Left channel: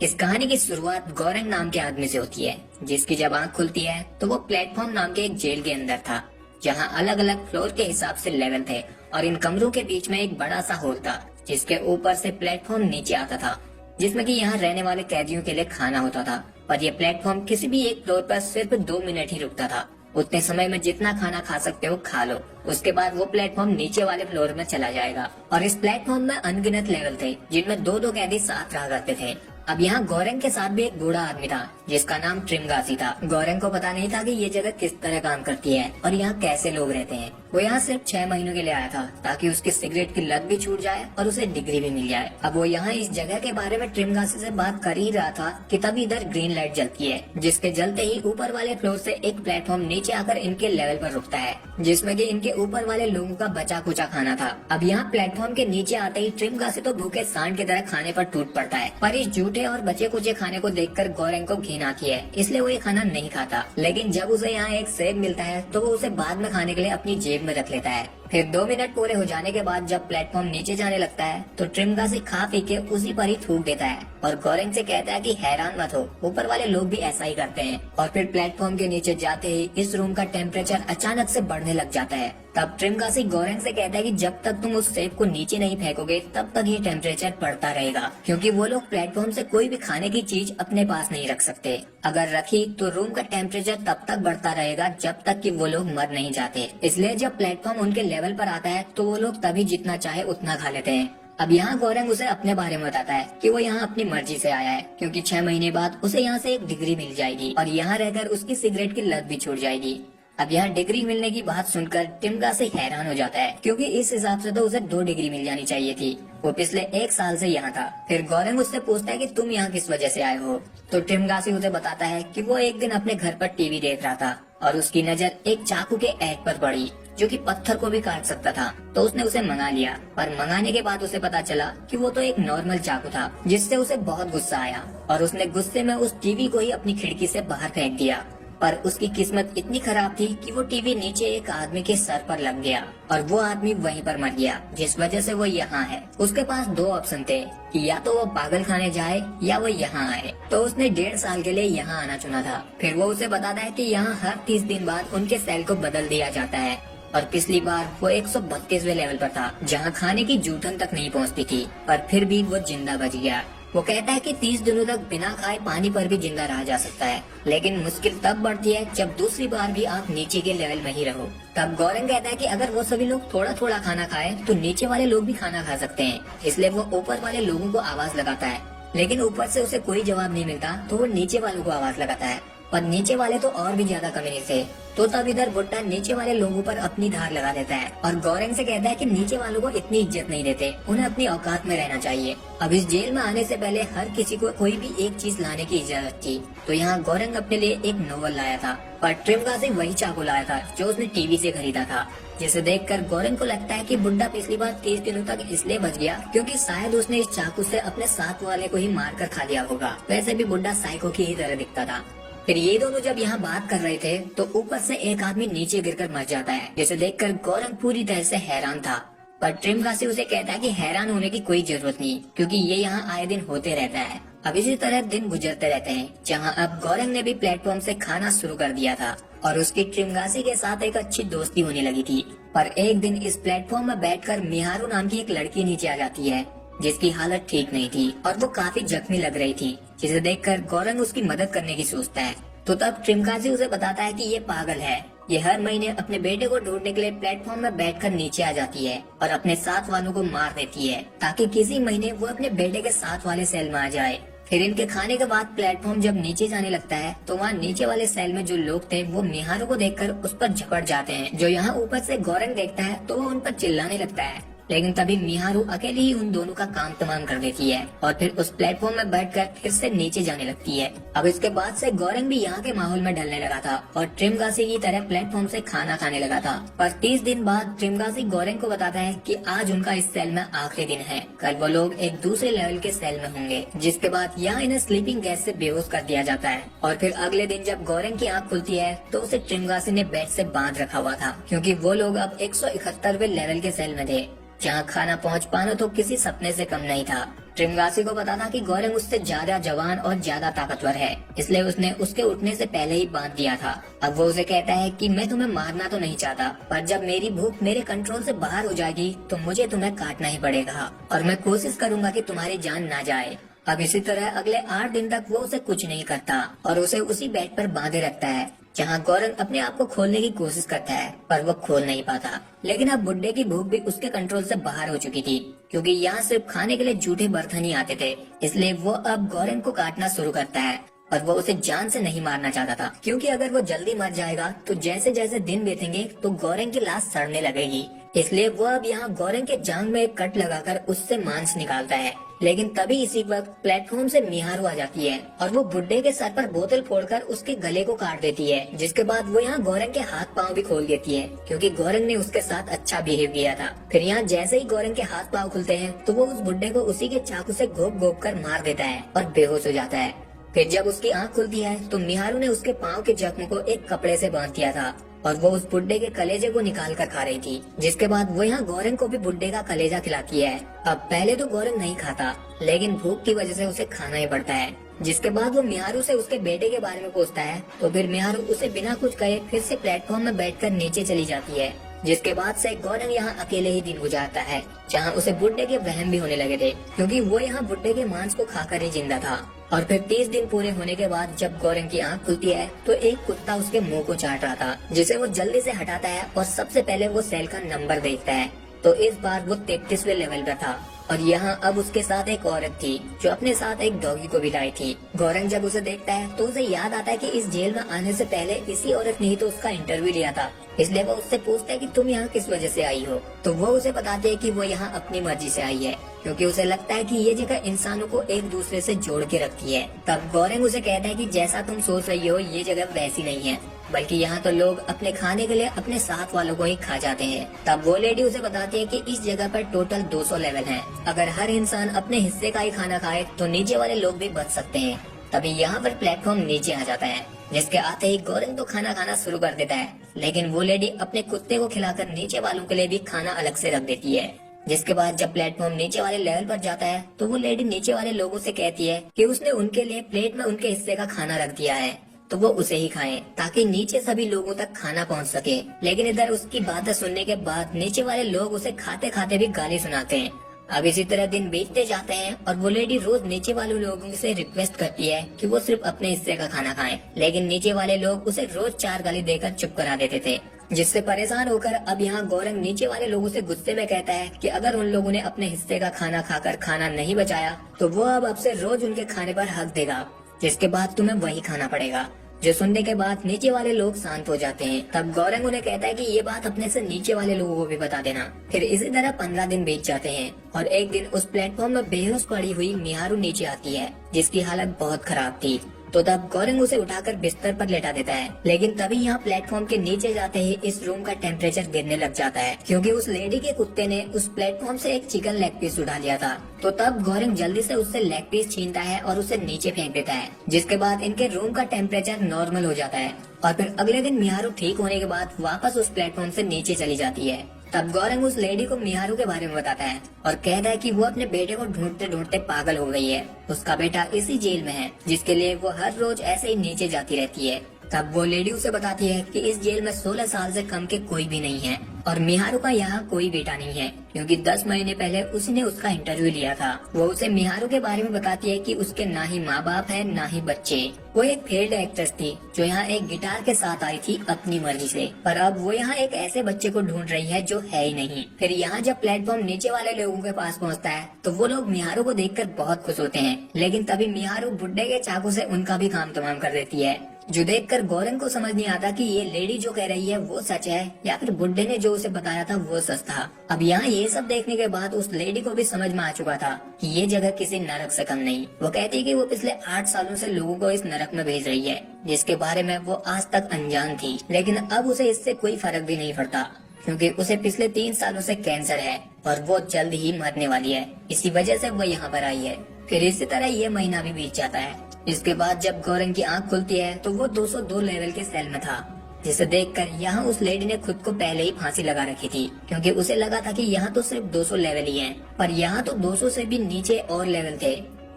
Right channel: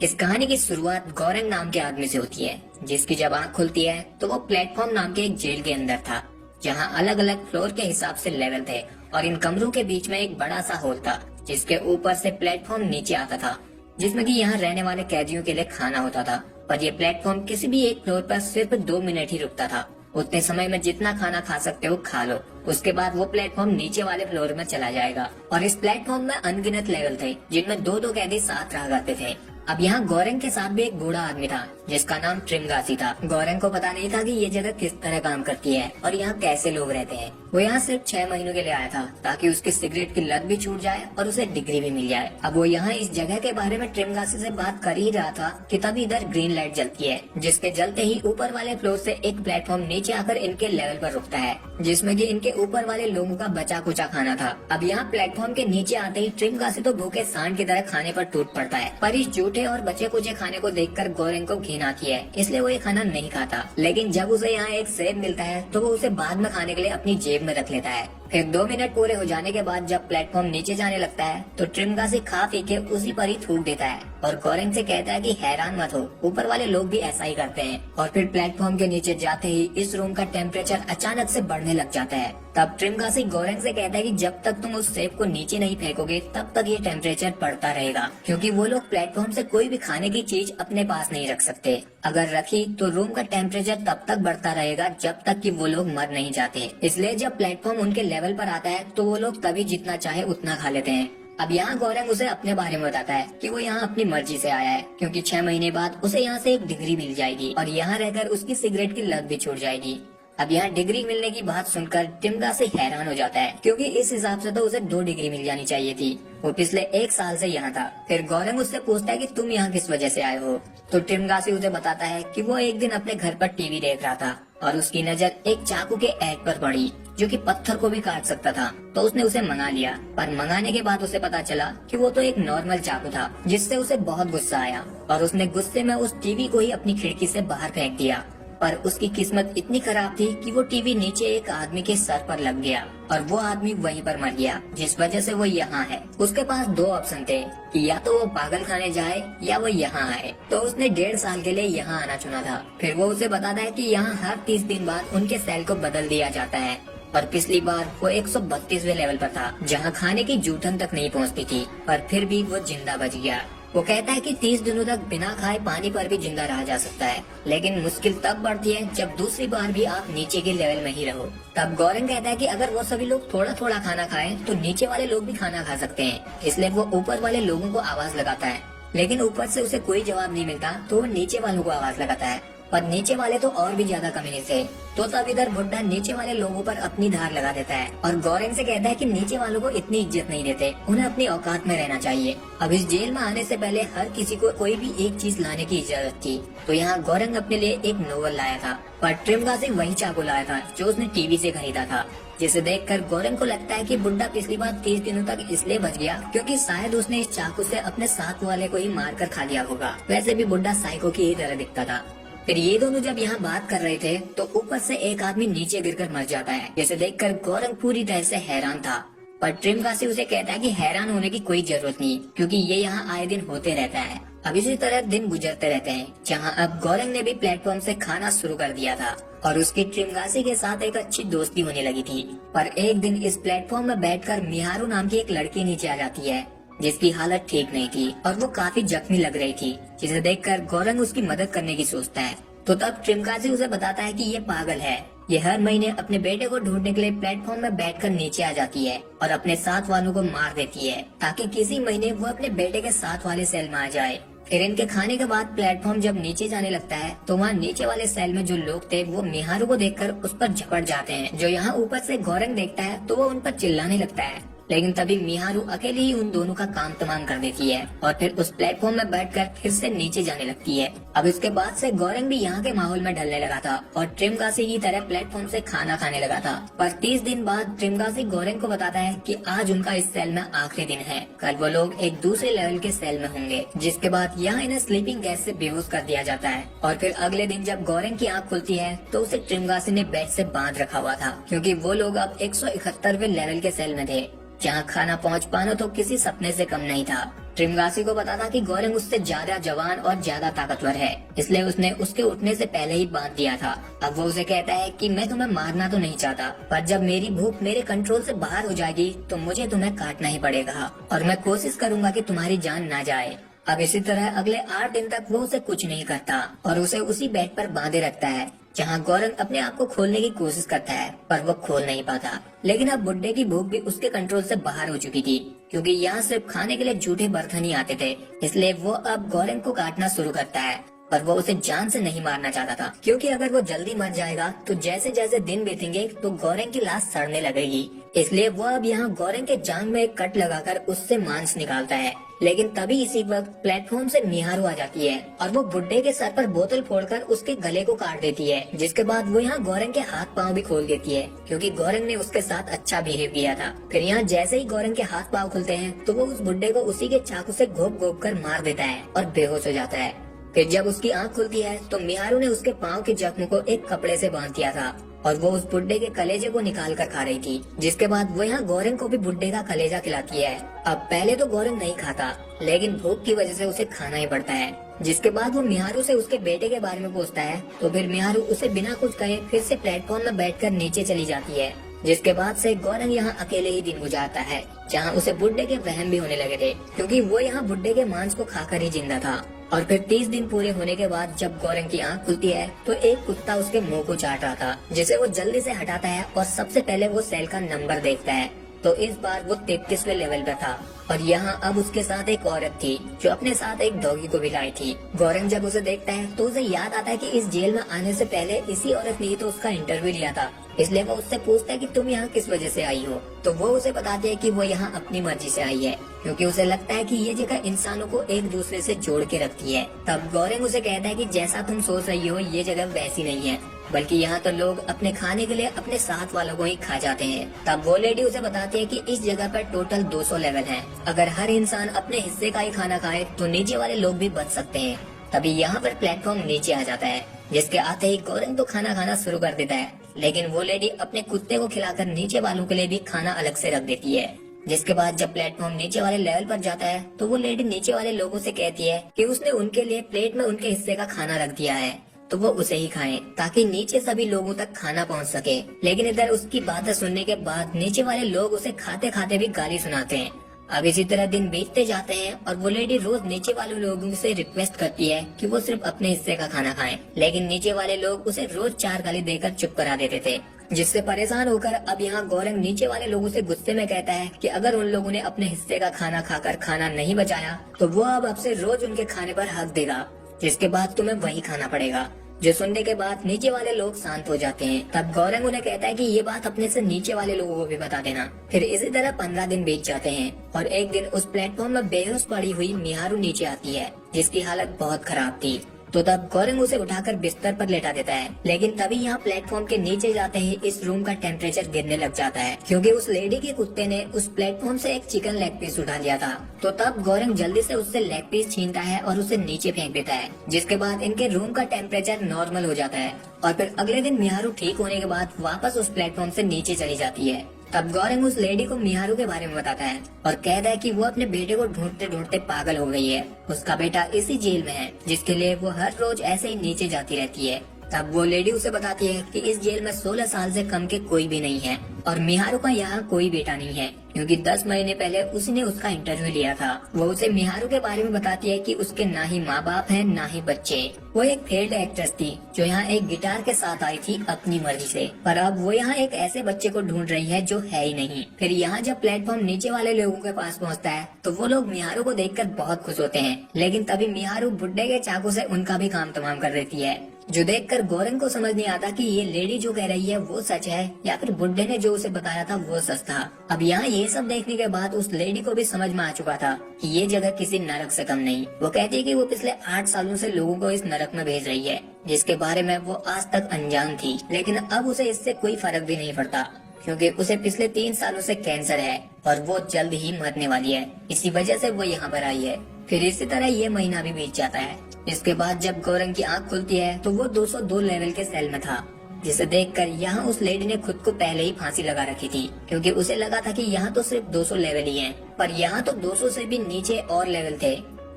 इस कहानी की शुरुआत गौरंग नाम के आदमी से होती है, जिसकी जब आंख खुलती है तो वो प्लेटफॉर्म नाम के एक जेल के अंदर था, जहां अलग अलग फ्लोर के हिसाब से लेवल थे और इन कमरों के बीच में एक बड़ा सा हॉल था, जिसके ऊपर से प्लेटफॉर्म नीचे आता था, जिसमें कि यहाँ रहने वाले कैदियों के लिए खाना होता था। पर यह प्लेटफॉर्म किसी भी एक फ्लोर पर सिर्फ 2 मिनट ही रुकता था। उतने समय में जितना खाना खा सकते हो खा लो, उसके बाद वो प्लेटफॉर्म नीचे वाले फ्लोर में चला जाएगा। और इस प्लेटफॉर्म में अनगिनत लेवल थे, जिनमें दो दो कैदी साथ रहा करते थे। अब यहाँ गौरंग के साथ भी एक बूढ़ा आदमी था, जिसका नाम ट्रिमगासी था। गौरंग को पता नहीं था कि ये जगह किस तरह काम करती है और यहाँ कैसे लोग रहते हैं। वो यहाँ सिर्फ 6 महीनों के लिए आया था, ताकि उसकी सिगरेट की लत भी छूट जाए और उसे डिग्री भी मिल जाए। अब वो यहाँ इस जगह के बारे में ट्रिमगासी से बात कर ही रहा था कि तभी इधर ग्रीन लाइट जलती है, जिसके जलते ही ऊपर वाले फ्लोर से एक प्लेटफॉर्म नीचे आकर इनके लेवल पर रुकता है, जिसमें कि इनके ऊपर वाले लोगों का बचा कुचा खाना था। अब यहाँ प्लेटफॉर्म के नीचे आते ही ट्रिमगासी तो भूखे सांड की तरह खाने पर टूट पड़ता है। पर इस जूठे और बचे कुचे खाने को देखकर गौरंग को घिन आती है, इसलिए वो ये खाना नहीं खाता। लेकिन जब उसे यहाँ एक सेब मिलता है तो वो उसे बाद में खाने के लिए अपनी जेब में रख लेता है। फिर 2 मिनट पूरे हो जाने के बाद जब प्लेटफॉर्म नीचे जाने लगता है तो ट्रिमगासी खा पी के उसी पर ही थूक देता है और गौरंग से कहता है कि हैरान मत हो, ऊपर वाले लोग भी ऐसा ही करते हैं। और फिर प्लेटफॉर्म के नीचे जाते ही इस रूम का टेम्परेचर अचानक से बढ़ने लग जाता है। तब ट्रिमगासी गौरंग से कहता है कि जब तक तुम उस सेब को नीचे नहीं फेंकोगे तब तक ये टेम्परेचर बढ़ता रहेगा, क्योंकि वो लोग प्लेटफॉर्म से कोई भी खाने की चीज अपने पास नहीं रख सकते। अगर रखी तो रूम का टेम्परेचर तब तक बढ़ता रहेगा जब तक कि वो लोग मर नहीं जाते। इसलिए जब प्लेटफॉर्म उनके लेवल पर आता है तो वो लोग तभी जितना चाहे उतना खा लेते हैं। अब यहाँ गौरंग उसे अपने बारे में बताता है कि वो यहाँ अपनी मर्जी से आया है, क्योंकि 6 महीने बाद उसे यहाँ से एक डिग्री मिल जाएगी और यहाँ रहकर उसकी सिगरेट की लत भी छूट जाएगी। अब यहाँ डिग्री मिलने की बात सुनकर ट्रिमगासी हैरान हो जाता है, क्योंकि इस हिसाब से तो उसे 2 डिग्री मिल जानी चाहिए थी। वो पिछले 1 साल से यहाँ था। फिर गौरंग उससे पूछता है कि तुम यहाँ किस वजह से आए हो, तो ट्रिमगासी उसे बताता है कि वो एक दिन अपने घर पर टीवी देख रहा था और उसकी नजर एक चाकू के ऐड पर पड़ी, जो कि पत्थर को भी काट सकता था। तो उसने उसे मंगा लिया, पर मंगाने के बाद उसे पता चला कि वो तो एक नॉर्मल चाकू था, जिससे उसे बहुत गुस्सा आया और उसने गुस्से में उस टीवी को ही अपनी खिड़की से बाहर फेंक दिया। पर उसकी किस्मत इतनी खराब थी कि वो टीवी नीचे एक आदमी के सर पर लग गया और वो आदमी वहीं पर मर गया, जिस वजह से वो यहाँ है। उसके पास 2 ऑप्शन थे कि या तो वो पागल खाने जाए या वो यहाँ आए। तो उसने 1.5 साल के लिए यहाँ आना चुना था। फिर वो उसे बताता है कि यहाँ हर 30 दिन बाद उनके सेल को बदल दिया जाता है और पिछली बार वो 132वें लेवल पर था, जहाँ खाने की जूठन तक नहीं पहुँचती थी, पर फिर भी वो जिंदा बच गया। वो कहता है कि 30 दिनों तक बिना खाए पानी पर भी जिंदा रहा जा सकता है, लेकिन मुश्किल तब बढ़ती है जब दूसरी बार भी आप नीचे के लेवल में ही रहो। तब गौरंग कहता है कि अगर वो सभी लोग थोड़ा थोड़ा खाना खाएं तो नीचे वाले लोग भी खाना खा सकते हैं। इसलिए वो ऊपर वाले लोगों को आवाज लगाता है, लेकिन ऊपर से उसे कोई जवाब नहीं मिलता, तो वो नीचे वालों को आवाज लगाता है और नीचे वाले तो और भी ज्यादा कमीने थे। तो तब इधर बुड्ढा नीचे वाले लोगों पर अपनी धार लगा देता है और गौरंग से कहता है कि नीचे वालों को इतनी इज्जत नहीं देते, उन्हें अपनी औकात में रहना चाहिए। अब इस जेल में आने से पहले हर किसी को कोई भी एक चीज लाने की इजाजत थी, तो यहाँ गौरंग अपने लिए एक नोवेल लाया था, पर ट्रिमगासी वही चाकू लाया था जो उसने टीवी से खरीदा था, जिसे देखकर गौरंग को लगता है कि बुड्ढा पिछली बार 30 दिनों तक इसलिए बच गया क्योंकि शायद उसने इस चाकू से अपने साथ वाले को ही मार कर खा लिया होगा। वैसे भी बुड्ढा साइको की ही तरह दिखता था। फिर ये दोनों जब यहाँ बात कर रहे थे तो ऊपर से एक आदमी नीचे गिरकर मर जाता है, जिसे देखकर गौरंग पूरी तरह से हैरान था। पर ट्रिमगासी उसे कहता है कि हैरान होने की कोई जरूरत नहीं, क्योंकि ये यहाँ आए दिन होते रहता है। अब इसी तरह दिन गुजरते रहते हैं, जहाँ अब गौरंग ने भी प्लेटफॉर्म से खाना शुरू कर दिया था और उसकी ट्रिमगासी के साथ एक अच्छी दोस्ती होने लगी थी। पर एक दिन इस प्लेटफॉर्म में बैठकर मिहारू नाम की एक लड़की नीचे आ जाती है, जिसकी हालत ठीक नहीं थी और वो काफी जख्मी लग रही थी, जिसे देखकर गौरंग उसकी मदद करने की सोचता है। तो तब ट्रिमगासी उसे बताता है कि ये पागल है, ये हर महीने अपने बेटे को ढूंढने के लिए प्लेटफॉर्म में बैठकर नीचे आ जाती है और अपने साथ वालों को मार देती है, ताकि किसी महीने वो अपने बेटे के साथ वाले सेल में आ जाए। फिर इनके खाने के बाद प्लेटफॉर्म जब नीचे जाने लगता है तो वहाँ नीचे वाले सेल में जो लोग थे वो मिहारू को देखकर उस पर झपट जाते हैं। जो यहाँ ऊपर से गौरंग देखता है तो वो उन पर चिल्लाने लगता है, लेकिन तभी मिहारू अकेले ही उन दोनों का काम तमाम कर देती है और फिर उस प्लेटफॉर्म में बैठकर फिर से नीचे जाने लगती है। अब इसके बाद से गौरंग भी यहाँ के माहौल में ढलने लगा था और ट्रिमगासी की तरह प्लेटफॉर्म से खाना खाने लगा था। पर 30 दिन बाद ट्रिमगासी गौरंग को बताता है कि आज उनका इस सेल में आखिरी दिन है, कल वो लोग एक दूसरे लेवल के सेल में होंगे, जिसके बाद यहाँ इन्हें स्लीपिंग गैस से बेहोश कर दिया जाता है। और फिर अगले दिन जब गौरंग की आँख खुलती है तो उसे ट्रिमगासी ने बेड से बांध रखा हुआ था, क्योंकि वो लोग अब 171वें लेवल के सेल में थे। जहाँ खाना पहुँच पाना तो किसी सपने से कम नहीं था। ट्रिमगासी को पता था कि गौरंग उससे ज्यादा जवान और ज्यादा ताकतवर है, इसलिए उसने उसके उठने से पहले ही बांध दिया था। अब वो उसे कहता है कि मैं तुम्हें मारना तो नहीं चाहता, पर जब मेरी भूख मेरे कंट्रोल से बाहर हो जाएगी तो मुझे तुम्हें काटना ही पड़ेगा और मैं कोशिश करूंगा कि तुम्हारी जान ना जाए। अब इसी तरह अगले 8 दिन तक वो उसे कुछ नहीं करता और उसे उसी बेड पर बांधे रखता है, जहाँ गौरंग अपने आप को खोलने की कोशिश करता है पर वो खोल नहीं पाता। लेकिन अब बुड्ढे की भूख भी उसके कंट्रोल से बाहर हो चुकी थी, क्योंकि यहाँ सिर्फ खाने के लिए झूठे बर्तन ही आते थे। इसलिए वो अब गौरंग को काटना शुरू करता है, पर वो उसे जान से नहीं मारना चाहता था, क्योंकि अगर वो जल्दी मर जाएगा तो जैसे जैसे दिन बीतेंगे तो गौरंग की लाश सड़ने लगेगी। इसलिए वो अब यहाँ गौरंग के जांग में एक कट लगाकर उससे मांस निकालता है। लेकिन तभी इसी वक्त प्लेटफॉर्म से निहारू आ जाती है और वो बुड्ढे के सर पर बोतल फोड़कर उसके गले को काट देती है, जिसके बाद वो यहाँ गौरंग के हाथ पांव भी खोल देती है, क्योंकि गौरंग ने उसके साथ अच्छा बिहेव किया था। फिर यहाँ जैसे ही गौरंग के हाथ पांव खुलते हैं तो वो उस बुड्ढे को उसी के चाकू से घोप घोप कर मार देता है और बेहोश हो जाता है। फिर जब उसकी आंख खुलती है तो निहारू ने उसके पाँव के जख्म को एक कपड़े से बांध दिया था और वो उस बुड्ढे के कलेजे को निकाल कर खा रही थी, जिसके बाद वो यहाँ गौरंग को भी बुड्ढे का कलेजा खिलाती है। अब पहले तो गौरंग नहीं खाता, लेकिन भूख की वजह से उसे खाना ही पड़ता है। जिसके बाद वो निहारू से उसके बेटे के बारे में पूछता है तो फिर निहारू उसे बिना कुछ कहे फिर से प्लेटफॉर्म में बैठकर नीचे चली जाती है। जिसके बाद से गौरंग यहाँ अकेले ही दिन गुजारता है, जहाँ उसे बुड्ढे के वहम भी होने लगे थे, क्योंकि वो यहाँ बुड्ढे के मांस को खाकर ही जिंदा था। और फिर 30 दिन पूरे होने के बाद जब गौरंग की आंख खुलती है तो एक कुत्ता उसके मुंह को चाट रहा था, जिसे वो जल्दी से हटाता है और सबसे पहले वो सेल का नंबर देखता है। तो इस बार वो 33वें लेवल पर था और यहाँ अब उसके साथ एक औरत थी जो अपने साथ एक डॉगी को भी लाई थी। गौरंग जब उसे देखता है तो उसे याद आता है कि इस जेल में आने से पहले इसी औरत ने ही तो उसका इंटरव्यू लिया था, इसलिए वो उससे पूछता है कि तुम यहाँ किस वजह से आई हो। तो वो उसे बताते है कि वो यहाँ अपनी मर्जी से आई है, क्योंकि उसे लगता है कि ये जगह इंसानों को एक दूसरे से जोड़ के रखती है। तब गौरंग उसे कहता है कि जैसा तुम सोच रही हो ये जगह वैसी नहीं है, बल्कि यहाँ तो लोग अपने खाने के लिए अपने साथ वालों को ही खा जाते हैं। तब वो लेडी उसे बताती है कि इस जगह पर टोटल 200 लेवल हैं। अगर हर इंसान अपने हिस्से का ही खाना खाए तो नीचे वाले लोग भी बच सकते हैं। तभी यहाँ पर प्लेटफॉर्म नीचे आ जाता है, जिसके आते ही गौरंग तो खाना खाना शुरू कर देता है, लेकिन वो लेडी अपने कुत्ते को खिलाकर नीचे वालों के लिए भी खाना अलग से रख देती है। जिसके बाद जब प्लेटफॉर्म नीचे वाले लेवल पर जाता है तो वो लेडी नीचे वाले लोगों से कहती है कि उसने उनके लिए प्लेट में उनके हिस्से का खाना रख दिया है, तो वो उसे ही खाएं ताकि नीचे सभी लोगों तक खाना पहुंच सके। लेकिन इधर उसकी बातें सुनने के बाद नीचे वाले लोग उसे खाते खाते भी गाली सुनाते हैं। अब इसी तरह दिन बीतते जाते हैं और वो लेडी रोज नीचे वाले लोगों से रिक्वेस्ट करती है कि वो सिर्फ अपने हिस्से का खाना खाएं, लेकिन नीचे वाले लोग उसे रोज 4 गाली देकर चुप करा देते थे। जिससे परेशान होकर अब यहाँ गौरंग नीचे वाले लोगों से गुस्से में कहता है कि अगर उन लोगों ने अपने हिस्से का खाना खाकर खाना नहीं बचाया तो वो अब से रोज उनके खाने पर हक देगा, जिसके बाद तुम्हें वही खाना पड़ेगा। जो सुनने के बाद नीचे वाले लोग शांत हो जाते हैं। तब गौरंग उन्हें कहता है कि ये बात अपने से नीचे वाले लोगों को भी बता देना। फिर इसी तरह 15 दिन बीत जाते हैं और एक दिन उस प्लेटफॉर्म में बेहोश पड़ी हुई निहारू नीचे आती है, जिसकी हालत बहुत खराब थी। तो तब गौरंग उसे उठाकर बिस्तर पर लेटा देता है, लेकिन तभी यहाँ प्लेटफॉर्म के नीचे जाते ही इस रूम का टेम्परेचर गिरने लग जाता है, क्योंकि उस लेडी के कुत्ते ने उस प्लेटफॉर्म से एक चिकन लेग पीस उठा दिया था। तो तब गौरंग जल्दी से उससे लेग पीस छीनता है और उसे नीचे फेंक देता है, जिसके बाद इनके रूम का टेम्परेचर नॉर्मल हो जाता है। और फिर अगले दिन निहारू ठीक होने के बाद वापस उस प्लेटफॉर्म से नीचे चली जाती है। तब गौरंग उस लेडी को निहारू के बारे में बताता है और कहता है कि वो अपने बेटे को ढूंढते ढूंढते पागल हो गई है। उसका बेटा इसी जेल में है, जिसके लिए वो हर रोज ऐसे ही नीचे जाती रहती है। तब वो लेडी उसे बताती है कि इस जेल में 16 साल से कम के कोई भी नहीं है और निहारू का यहाँ कोई बेटा नहीं है, क्योंकि 10 महीने पहले उसने उसका इंटरव्यू लिया था। वो उसे निहारू के बारे में बताती है कि उसके ना ही माँ बाप है ना ही बच्चे। वो एक फेल्ड एक्ट्रेस थी जो यहाँ एक गिटार के साथ आई थी अपनी मर्जी से, पर अब वो यहाँ एक ऐसे बच्चे को ढूंढ रही है जो है ही नहीं। फिर यहाँ जब प्लेटफॉर्म नीचे वाले लोगों के पास पहुँचता है तो वो लोग निहारू को देखकर बहुत खुश होते हैं, लेकिन तभी निहारू बुड्ढे के चाकू से उनका भी काम तमाम कर देती है, जो देखकर गौरंग को समझ नहीं आता कि ये लेडी जो कह रही है वो सच है या फिर बुड्ढे ने जो उसे बताया था वो सच था। अब यहाँ ये सब देखने के बाद उस लेडी को भी समझ में आ चुका था कि ये जगह किसी नरक से कम नहीं। वो कहती है कि वो पिछले 8 सालों से लोगों को इस नरक में भेज रही है, जिसके बारे में वो आज तक अनजान थी। लेकिन अब उसे इससे कोई फर्क भी नहीं पड़ता, क्योंकि उसे पिछले 3 सालों से कैंसर है और वो जल्द ही मरने वाली है। इसी वजह से वो यहाँ पर आई है। फिर इसी तरह ये महीना भी बीत जाता है। इसके बाद जब गौरंग की आंख खुलती है तो वो 202 लेवल के सेल में था। जिसे देखकर यहाँ उस लेडी ने खुद को पहले ही फांसी लगा रखी थी, क्योंकि उसे लगा था कि यहाँ तो सिर्फ 200 लेवल ही हैं, पर यहाँ तो 200 से भी नीचे और लेवल थे।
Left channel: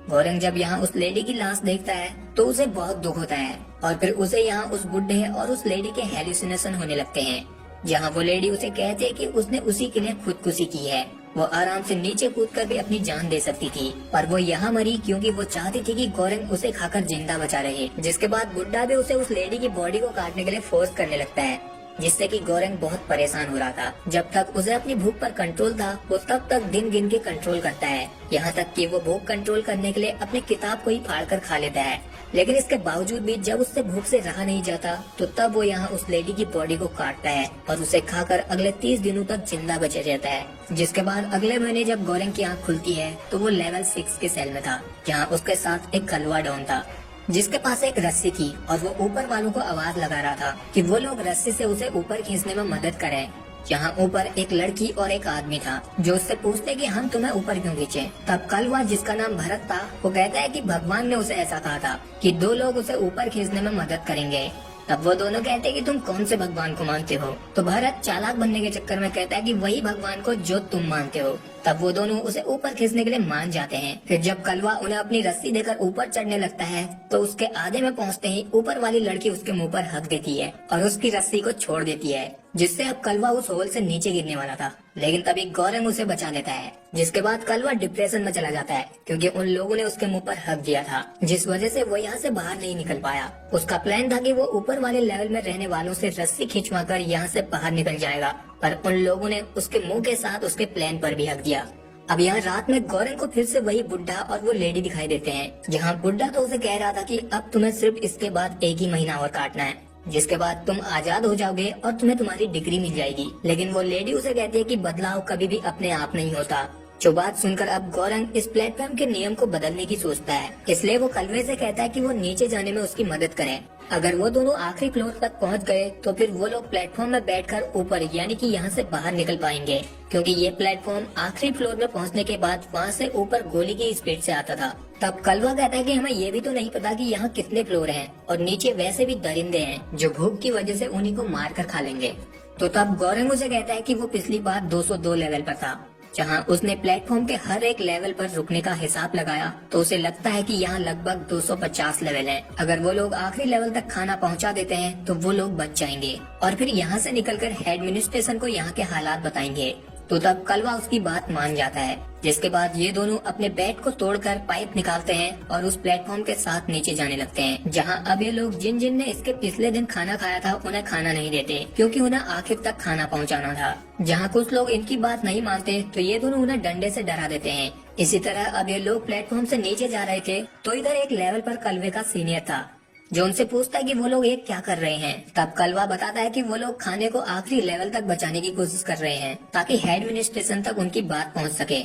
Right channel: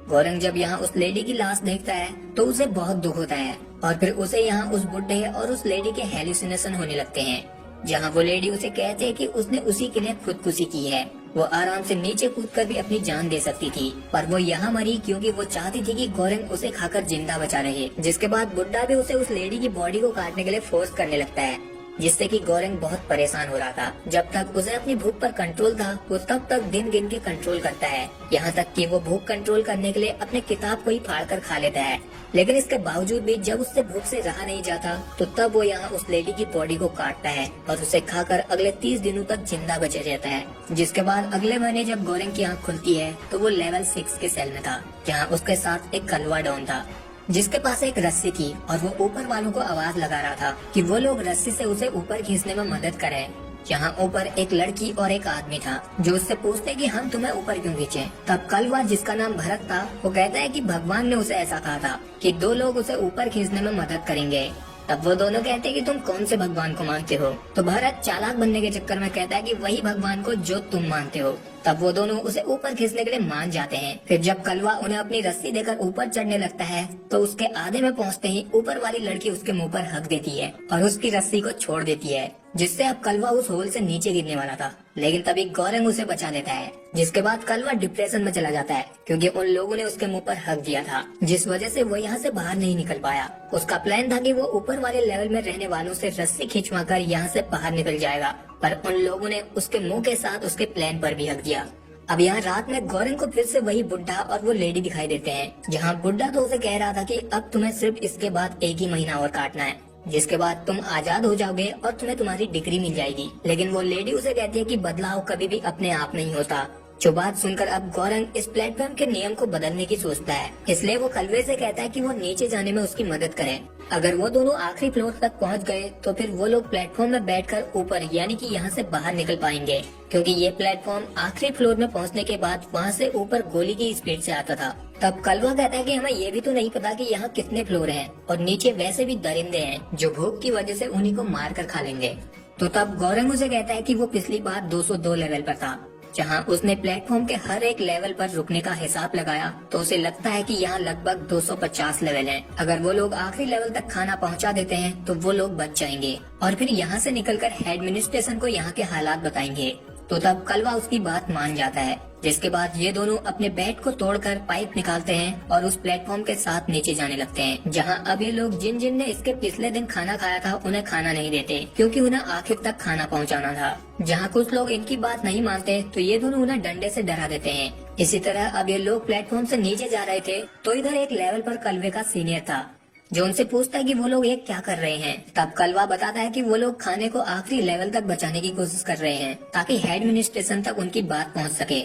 गौरंग जब यहाँ उस लेडी की लाश देखता है तो उसे बहुत दुख होता है और फिर उसे यहाँ उस बुड्ढे और उस लेडी के हेलुसिनेशन होने लगते हैं, जहाँ वो लेडी उसे कहती है कि उसने उसी के लिए खुदकुशी की है। वो आराम से नीचे कूदकर भी अपनी जान दे सकती थी, पर वो यहाँ मरी क्योंकि वो चाहती थी कि गौरंग उसे खाकर जिंदा बचा रहे। जिसके बाद बुड्ढा भी उसे उस लेडी की बॉडी को काटने के लिए फोर्स करने लगता है, जिससे कि गौरंग बहुत परेशान हो रहा था। जब तक उसे अपनी भूख पर कंट्रोल था वो तब तक दिन गिन के कंट्रोल करता है, यहाँ तक कि वो भूख कंट्रोल करने के लिए अपने किताब को ही फाड़ कर खा लेता है। लेकिन इसके बावजूद भी जब उससे भूख से रहा नहीं जाता तो तब वो यहाँ उस लेडी की बॉडी को काटता है और उसे खाकर अगले 30 दिनों तक जिंदा बचा रहता है। जिसके बाद अगले महीने जब गौरंग की आँख खुलती है तो वो लेवल 6 की सेल में था, जहाँ उसके साथ एक कलवा डॉन था, जिसके पास एक रस्सी थी और वो ऊपर वालों को आवाज लगा रहा था कि वो लोग रस्सी से उसे ऊपर खींचने में मदद करें। यहाँ ऊपर एक लड़की और एक आदमी था जो उससे पूछते कि हम तुम्हें ऊपर क्यों खींचे। तब कलवा, जिसका नाम भरत था, वो कहता है कि भगवान ने उसे ऐसा कहा था कि 2 लोग उसे ऊपर खींचने में मदद करेंगे। तब वो दोनों कहते हैं कि तुम कौन से भगवान को मानते हो। तो भारत चालाक बनने के चक्कर में कहता है कि वही भगवान को जो तुम मानते हो। तब वो दोनों उसे ऊपर खींचने के लिए मान जाते हैं। फिर जब कलवा उन्हें अपनी रस्सी देकर ऊपर चढ़ने लगता है तो उसके आधे में पहुंचते ही ऊपर वाली लड़की उसके मुंह पर हक देती है और उसकी रस्सी को छोड़ देती है, जिससे अब कलवा उस होल से नीचे गिरने वाला था। लेकिन तभी गौरंग उसे बचा देता है। जिसके बाद कलवा डिप्रेशन में चला जाता है क्योंकि उन लोगों ने उसके मुंह पर हक दिया था, जिस वजह से वो यहाँ से बाहर नहीं निकल पाया। उसका प्लान था कि वो ऊपर वाले लेवल में रहने वालों से रस्सी खिंचवाकर यहाँ से बाहर निकल जाएगा, पर उन लोगों ने उसके मुंह के साथ उसके प्लान पर भी हक दिया। अब यहाँ रात में गौरंग को फिर से वही बुड्ढा और वो लेडी दिखाई देते हैं, जहाँ बुड्ढा तो उसे कह रहा था कि अब तुम्हें सिर्फ इसके बाद 1 ही महीना और काटना है, जिसके बाद तुम आजाद हो जाओगे और तुम्हें तुम्हारी डिग्री मिल जाएगी। लेकिन वो लेडी उसे कहती है कि बदलाव कभी भी अपने आप नहीं होता। जो बात सुनकर अब गौरंग इस प्लेटफॉर्म के नियम को बदलने की सोचता है, इसलिए वो कलवे से कहता है कि वो नीचे जाने में उसकी मदद करे। अगर वो दोनों आखिरी फ्लोर तक पहुंच गए तो फिर वो लोग प्लेटफॉर्म में बैठकर ऊपर यानी कि यहाँ से बाहर निकल पाएंगे, क्योंकि ये प्लेटफॉर्म आखिरी फ्लोर में पहुंचने के बाद वहाँ से ऊपर गोली की स्पीड से आता था। तब कलवा कहता है कि हमें ये भी तो नहीं पता कि यहाँ कितने फ्लोर हैं और नीचे वैसे भी दरिंदे हैं जो भूख की वजह से उन्हीं को मार कर खा लेंगे। तो तब गौरंग उसे कहता है कि वो पिछली बार 202 लेवल पर था, जहां उसने प्लेटफॉर्म के हर एक लेवल पर रुकने का हिसाब लगाया तो उसे लगता है कि यहाँ लगभग 250 लेवल है। अगर वो लोग आखिरी लेवल तक खाना पहुंचा देते हैं तो वो लोग बच जाएंगे और फिर यहाँ से निकलकर एडमिनिस्ट्रेशन को यहाँ के हालात बताएंगे। तो तब कलवा उसकी बात मान जाता है, जिसके बाद ये दोनों अपने बेड को तोड़कर पाइप निकालते हैं और उस प्लेटफॉर्म के साथ नीचे जाने लगते हैं, जहां अब ये लोग जिन जिन ने इसके पिछले दिन खाना खाया था उन्हें खाना नहीं देते, क्योंकि उन्हें आखिर तक खाना पहुंचाना था। जहां कुछ लोग इनकी बात नहीं मानते तो ये दोनों उन्हें डंडे से डरा देते हैं। इसी तरह अब ये लोग प्लेटफॉर्म से नीचे जा रहे थे तो इधर एक लेवल पर कलवे का सीनियर था, जो उनसे पूछता है कि वो लोग ये क्या कर रहे हैं। तब कलवा बताता है कि वो लोग खाने को आखिरी लेवल तक बचाने की कोशिश कर रहे हैं ताकि एडमिनिस्ट्रेशन तक उनकी बात पहुंच सके।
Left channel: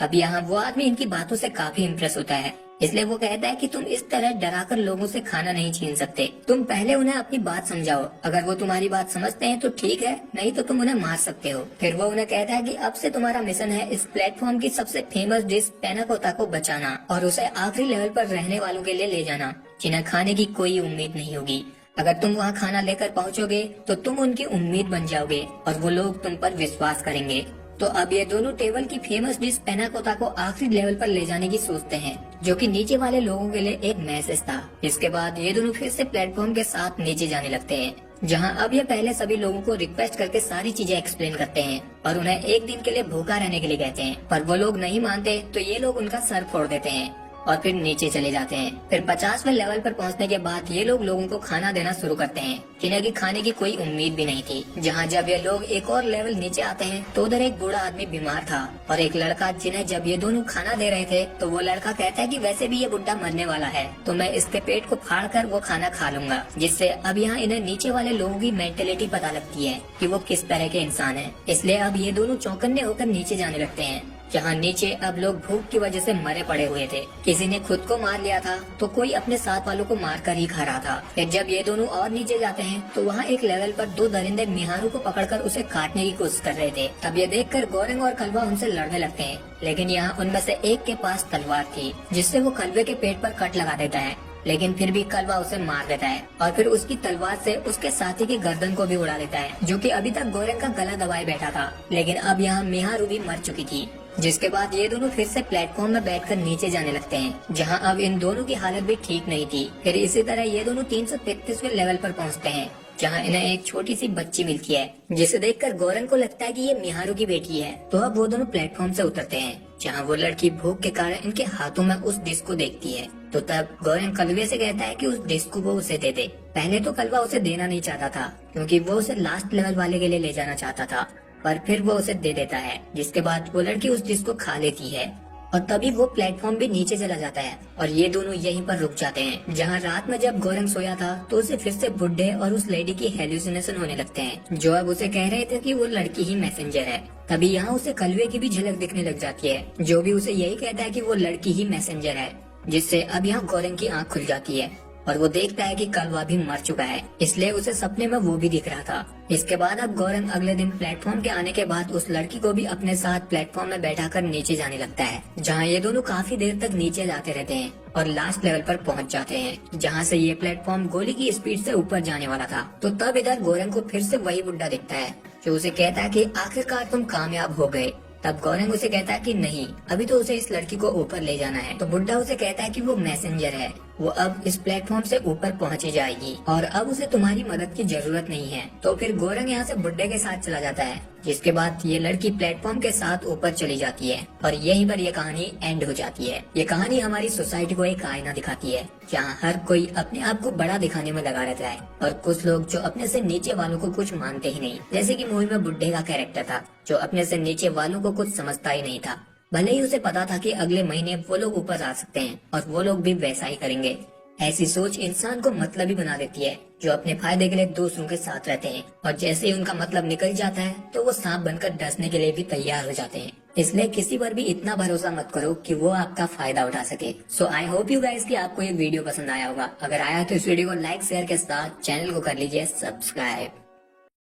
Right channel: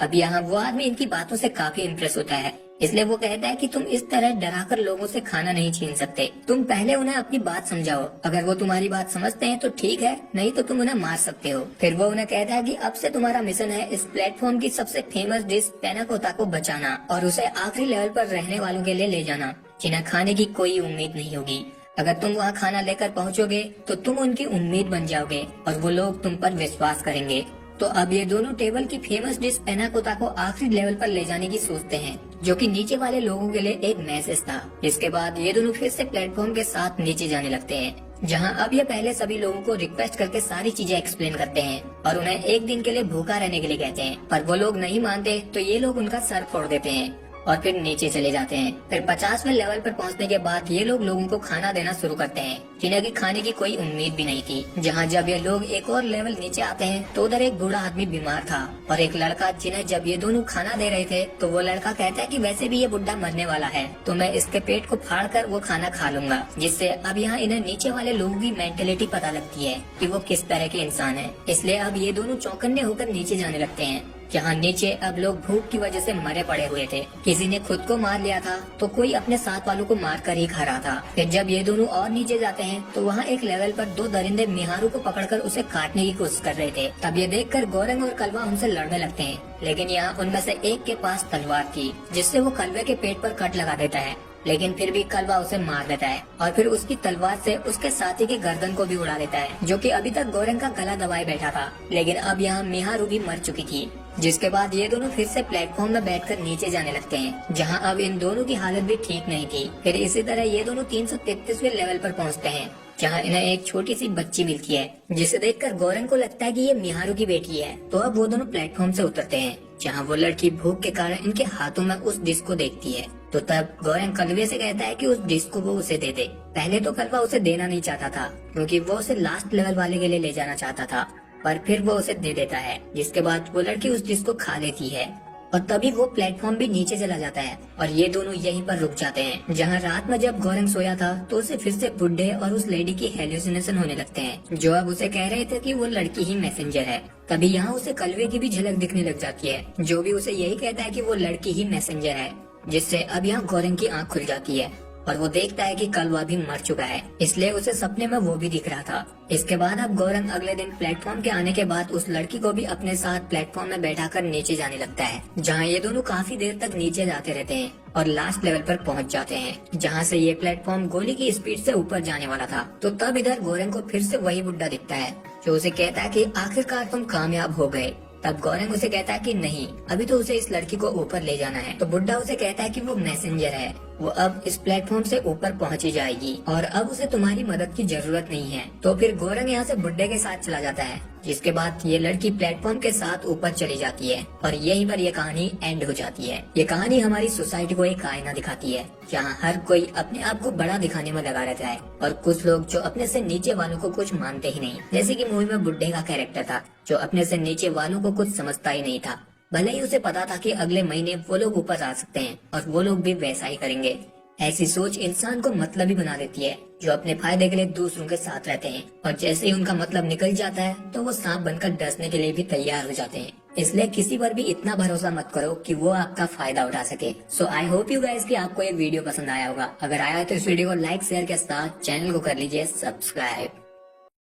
अब यहाँ वो आदमी इनकी बातों से काफी इम्प्रेस होता है, इसलिए वो कहता है कि तुम इस तरह डराकर लोगों से खाना नहीं छीन सकते, तुम पहले उन्हें अपनी बात समझाओ। अगर वो तुम्हारी बात समझते हैं तो ठीक है, नहीं तो तुम उन्हें मार सकते हो। फिर वो उन्हें कहता है कि अब से तुम्हारा मिशन है इस प्लेटफॉर्म की सबसे फेमस डिश पेनाकोता को बचाना और उसे आखिरी लेवल पर रहने वालों के लिए ले जाना, जिन्हें खाने की कोई उम्मीद नहीं होगी। अगर तुम वहाँ खाना लेकर पहुँचोगे तो तुम उनकी उम्मीद बन जाओगे और वो लोग तुम पर विश्वास करेंगे। तो अब ये दोनों टेबल की फेमस डिश पेनाकोता को आखिरी लेवल पर ले जाने की सोचते हैं, जो कि नीचे वाले लोगों के लिए एक मैसेज था। इसके बाद ये दोनों फिर से प्लेटफॉर्म के साथ नीचे जाने लगते हैं, जहां अब ये पहले सभी लोगों को रिक्वेस्ट करके सारी चीजें एक्सप्लेन करते हैं और उन्हें 1 दिन के लिए भूखा रहने के लिए कहते हैं, पर वो लोग नहीं मानते तो ये लोग उनका सर फोड़ देते हैं और फिर नीचे चले जाते हैं। फिर 50वें लेवल पर पहुंचने के बाद ये लोग लोगों को खाना देना शुरू करते हैं, जिन्हें की खाने की कोई उम्मीद भी नहीं थी। जहां जब ये लोग एक और लेवल नीचे आते हैं तो उधर एक बूढ़ा आदमी बीमार था और एक लड़का, जिन्हें जब ये दोनों खाना दे रहे थे तो वो लड़का कहता है कि वैसे भी ये बुढ़ा मरने वाला है तो मैं इसके पेट को फाड़ कर वो खाना खा लूंगा, जिससे अब यहाँ इन्हें नीचे वाले लोगों की मेंटेलिटी पता लगती है कि वो किस तरह के इंसान है। इसलिए अब ये दोनों चौकन्ने होकर नीचे जाने लगते हैं, जहाँ नीचे अब लोग भूख की वजह से मरे पड़े हुए थे। किसी ने खुद को मार लिया था तो कोई अपने साथ वालों को मार कर ही खा रहा था। फिर जब ये दोनों और नीचे जाते हैं तो वहाँ एक लेवल पर 2 दरिंदे निहारू को पकड़कर उसे काटने की कोशिश कर रहे थे। तब ये देखकर गौरंग और कलवा उनसे लड़ने लगते हैं, लेकिन यहाँ उनमें से एक के पास तलवार थी, जिससे वो कलवे के पेट पर कट लगा देता है लेकिन फिर भी कलवा उसे मार देता है और फिर उसकी तलवार से उसके साथी की गर्दन को भी उड़ा देता है, जो कि अभी तक गोरेंग का गला दबाए बैठा था। लेकिन अब यहाँ मिहारू भी मर चुकी थी, जिसके बाद ये दोनों फिर से प्लेटफॉर्म में बैठकर नीचे जाने लगते हैं, जहाँ अब इन दोनों की हालत भी ठीक नहीं थी। फिर इसी तरह ये दोनों 333वें लेवल पर पहुँचते हैं, जहाँ इन्हें एक छोटी सी बच्ची मिलती है, जिसे देखकर गोरेंग को लगता है कि ये मिहारू की बेटी है। तो अब वो दोनों प्लेटफॉर्म से उतरते हैं, जहाँ वो लड़की भूख के कारण इनके हाथों में उस डिस्क को देखती है। तो तब गोरेंग कलवे से कहता है कि उस डिस्क को वो उसे दे दे। पहले तो कलवा उसे देना नहीं चाहता था, क्योंकि वो उसे लास्ट लेवल वाले के लिए ले जाना चाहता था, पर फिर वो उसे दे देता है, जिसके बाद वो लड़की उस डिस्क को खा लेती है और तभी वो प्लेटफॉर्म भी नीचे चला जाता है और ये दोनों यहीं पर रुक जाते हैं। जहाँ रात में जब गोरेंग सोया था तो उसे फिर से बुड्ढे और उस लेडी की हेल्यूसिनेशन होने लगते हैं, जो अब उसे कह रहे थे कि वो लड़की ही मैसेंजर है। तभी यहाँ उसे कलवे की भी झलक दिखने लग जाती है, जो भी उसे यही कहता है कि वो लड़की ही मैसेंजर है, जिससे अब यहाँ गोरेंग की आँख खुल जाती है और वो देखता है कि कलवा भी मर चुका है, इसलिए उसे सपने में वो भी दिख रहा था। इसके बाद अब गोरेंग अगले दिन प्लेटफॉर्म के आने के बाद उस लड़की को भी अपने साथ प्लेटफॉर्म में बैठाकर नीचे जाने लगता है, जहाँ ये दोनों काफी देर तक नीचे जाते रहते हैं और लास्ट लेवल पर पहुँच जाते हैं, जहाँ से ये प्लेटफॉर्म गोली की स्पीड से ऊपर जाने वाला था। तो तब इधर गोरेंग को फिर से वही बुड्ढा दिखता है, जो उसे कहता है कि आखिरकार तुम कामयाब हो गए। तब गोरेंग उसे कहता है कि नहीं, अभी तो उसे इस लड़की को ऊपर ले जाना है। तो बुड्ढा उसे कहता है कि वो मैसेंजर है, वो अब इस प्लेटफॉर्म से ऊपर पहुंच ही जाएगी और अब उसे तुम्हारी मदद की जरूरत नहीं है। तो फिर गोरेंग यहाँ से बुड्ढे के साथ चला जाता है, जिसके बाद ये लड़की प्लेटफॉर्म के साथ ऊपर चली जाती है और यहीं पर ये कहानी एंड हो जाती है। ये कहानी हमारी सोसाइटी को एक आईना दिखाती है, जहाँ हर कोई अपने आप को बड़ा दिखाने में लगा रहता है और कुछ लोग जो अपने से नीचे वालों को कुछ मानते ही नहीं, जैसे कि मूवी में बुड्ढे का कैरेक्टर था, जो अपने से नीचे वालों को कुछ समझता ही नहीं था। भले ही उसे पता था कि अगले महीने वो लोग ऊपर आ सकते हैं और वो लोग भी वैसा ही करेंगे। ऐसी सोच इंसान को मतलबी बना देती है, जो अपने फायदे के लिए दूसरों के साथ रहते हैं और जैसे ही उनका मतलब निकल जाता है तो वो सांप बनकर डसने के लिए भी तैयार हो जाते हैं। इसलिए किसी पर भी इतना भरोसा मत करो कि वो आपका फायदा उठा सके। सो आई होप यू गाइस कि आपको ये वीडियो पसंद आया होगा। अगर आया तो इस वीडियो को लाइक शेयर के साथ चैनल को कर लीजिए सब्सक्राइब।